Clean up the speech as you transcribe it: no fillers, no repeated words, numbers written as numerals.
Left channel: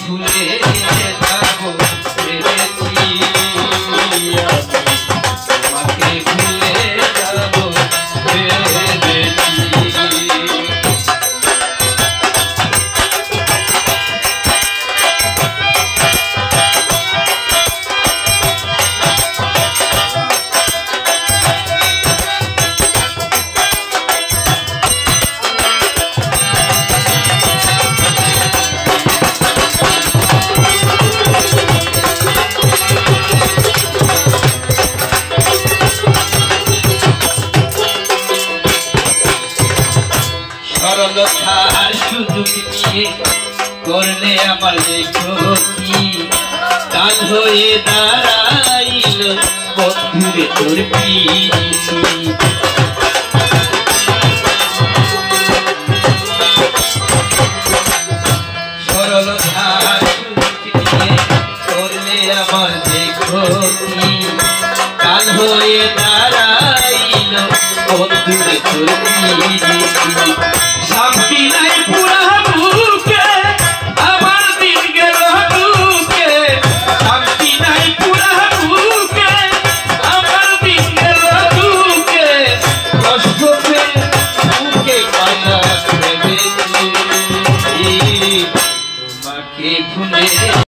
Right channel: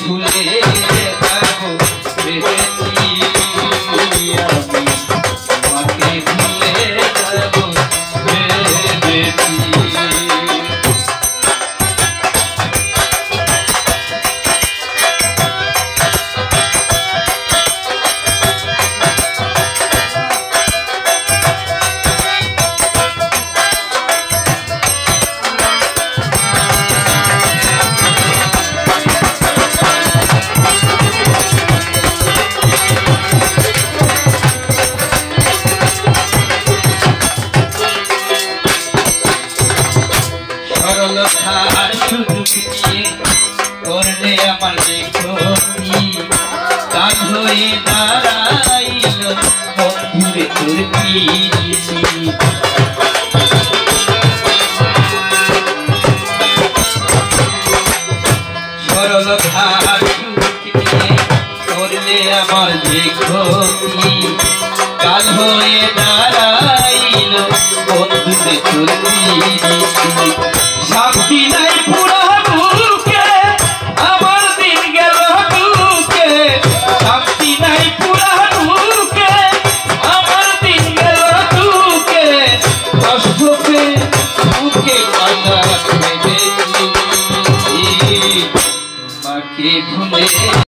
ভুলে যাবো ভেবেছি, আমি তোমাকে ভুলে যাবো ভেবেছি। সরলতার সুযোগ নিয়ে করলে আমার দেখি, কাল হয়ে দাঁড়াইল বন্ধুরে তোর পিরিতি। সরলতার সুযোগ নিয়ে করলে আমার দেখি, কাল হয়ে দাঁড়াইল বন্ধুরে তোর পিরিতি। শান্তি নাই পুরা বুকে, আমার দিন গেল দুকে, শান্তি নাই পুরা বুকে, আমার দিন গেল দুকে, কষ্ট পেয়ে বুকে কাঁদা ভেবেছি, তোমাকে ভুলে